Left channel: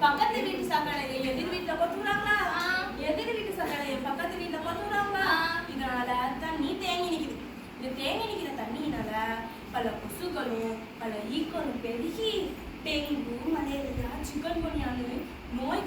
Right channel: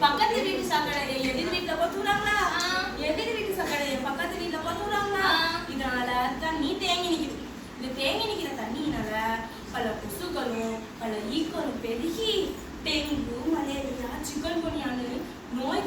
பக்கத்து வீட்டு சக்கரை எதிர் வீட்டுல பத்துறாங்களா எதிர் வீட்டு சக்கரை பக்கத்து வீட்டுல பத்துறாங்களா இதனால தண்ணி தேங்கி நிக்குது. இந்த தேங்கி நிக்கிற தண்ணியினால பல கொசுக்களும் பல ஈக்களும் பெருகி டெங்கு மலேரியா சிக்கன் குனியான்னு நோய்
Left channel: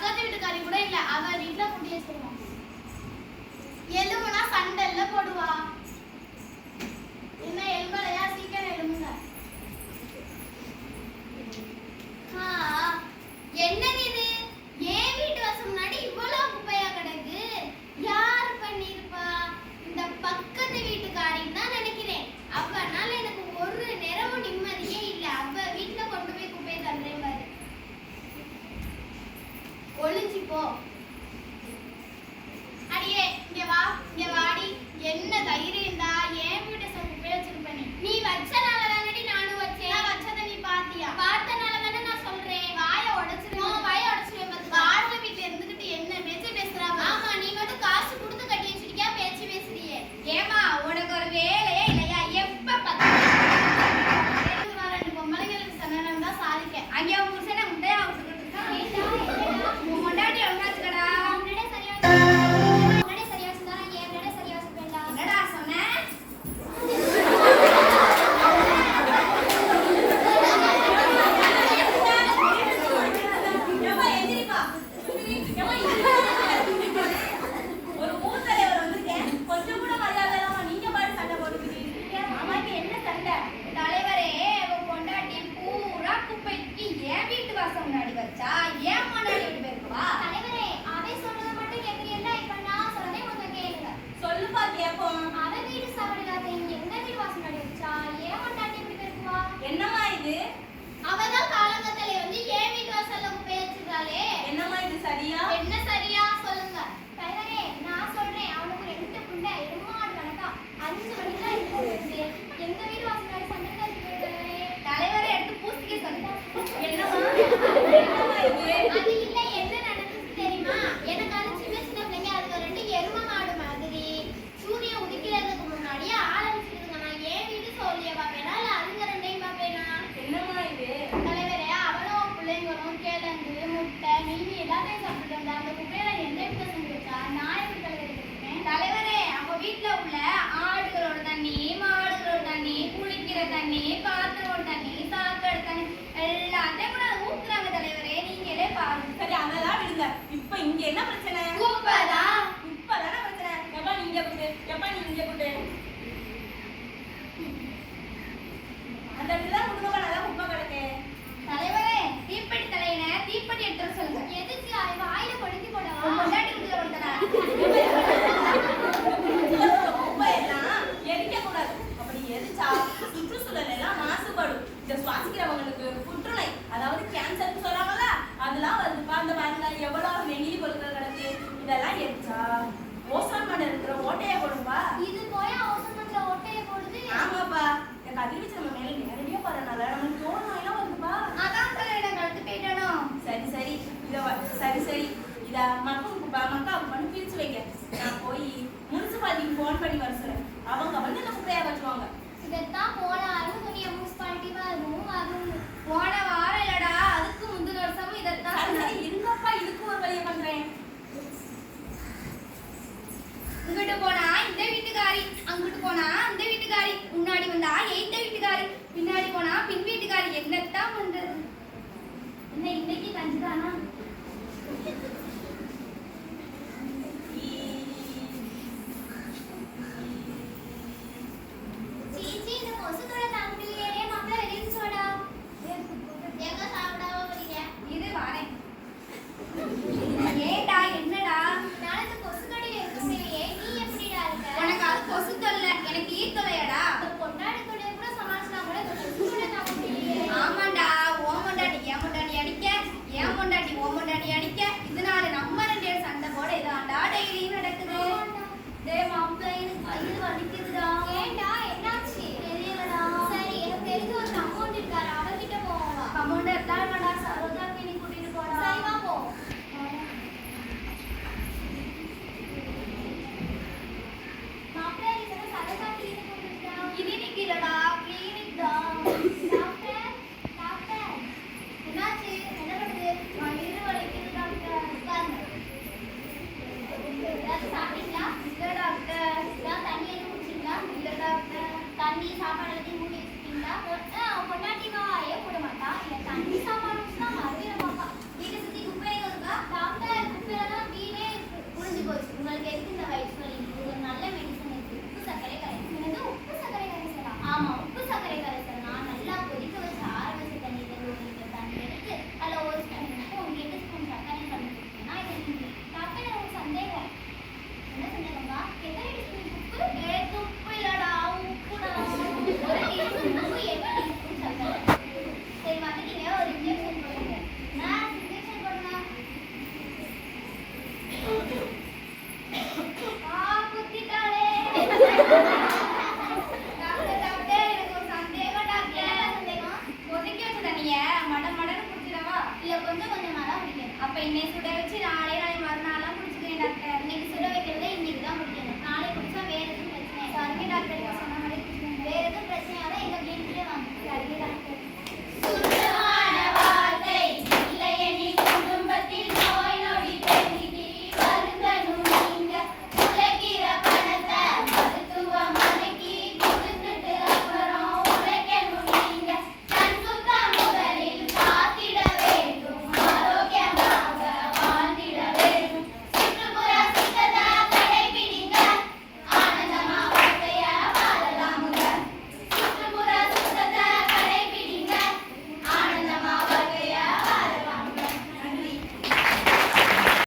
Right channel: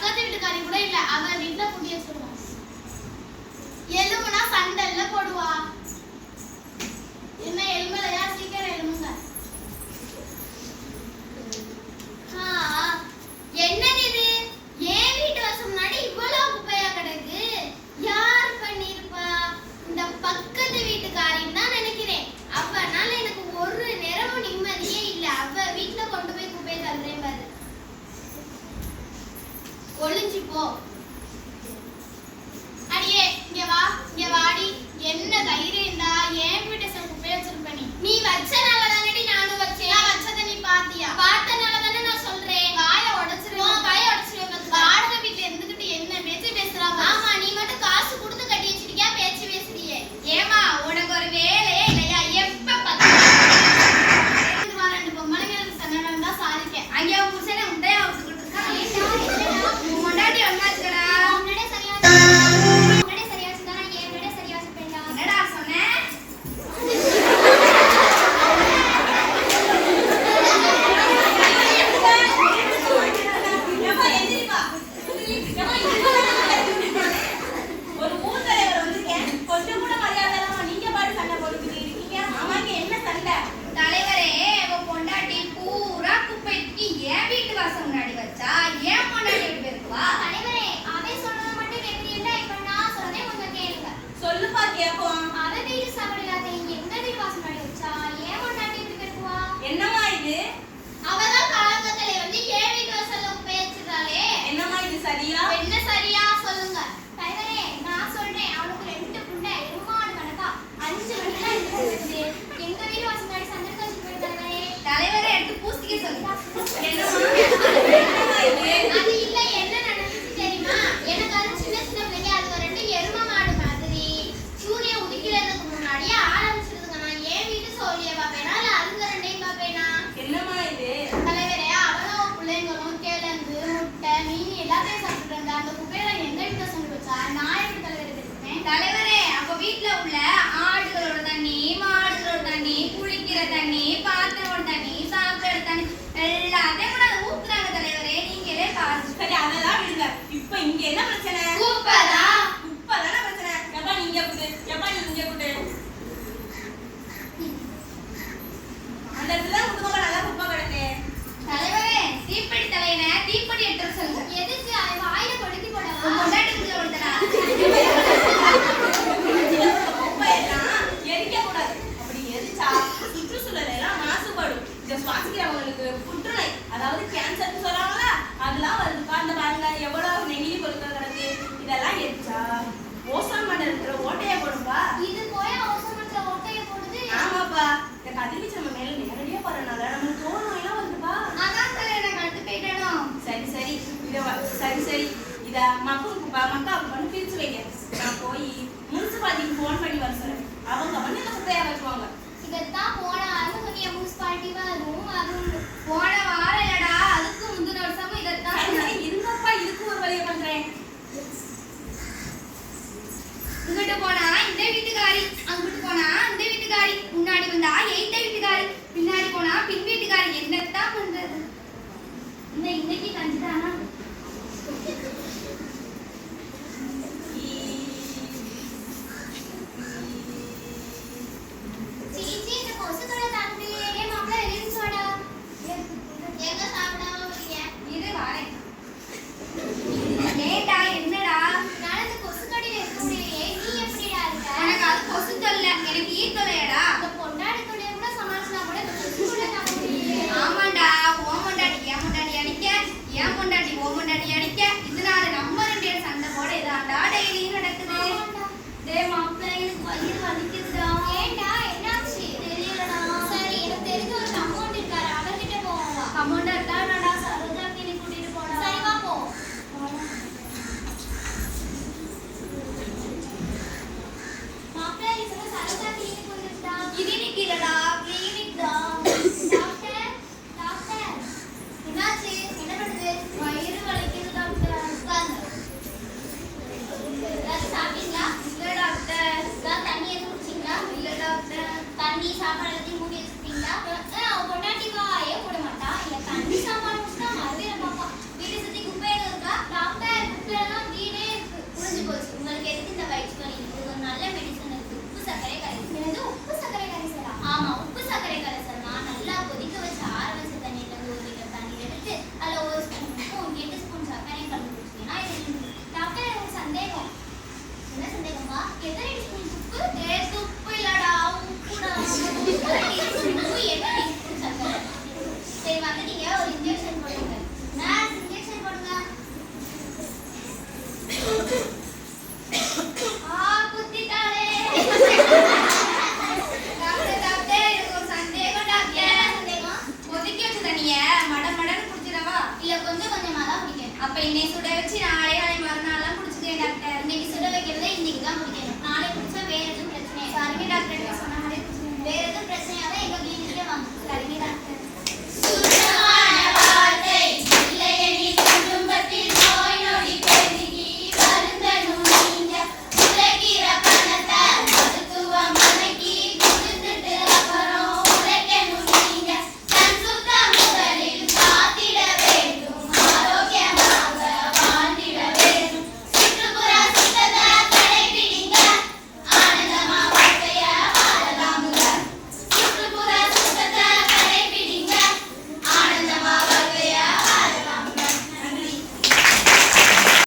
பக்கத்து வீட்டுக்காரி கூட இல்ல. அவ வீட்டுல குடி வச்சிருவான் எலும்புனா சண்டை. வீட்டுல உள்ள ஆடுகளோட தண்ணி மாடுகளோட தண்ணி குளிக்கிற தண்ணி பாத்திரமோட தண்ணி சாப்பிடுற தண்ணி எல்லாத்தையும் கூட ஊத்துறாங்க தலைவரே. நீங்களே பாருங்க? சரி அதெல்லாம் விடுங்க. இப்ப இங்க என்ன பிரச்சனை? குப்பதா? குப்பதான பிரச்சனை. எப்பா நீங்க குடு. எப்பா நீங்க குடு. அந்த இடத்துல குடும்பம் நல்லா குப்பை கிடக்கு. தலைவரே தீப்பெட்டி தலையின தீப்பெட்டி 蛋鸡蛋哈 அப்போ இன்னைக்கு சுட வச்சு நாளே நாளை மறுநாள்லாம் குடிச்சுக்கிறேன் டாக்டர் இன்னைக்கு சுட வைக்கிறத இன்னைக்கு தான் முடிக்கணும் நாளை குடிச்சா வேற எதுவும் பிரச்சனை சாரிங்க டாக்டர்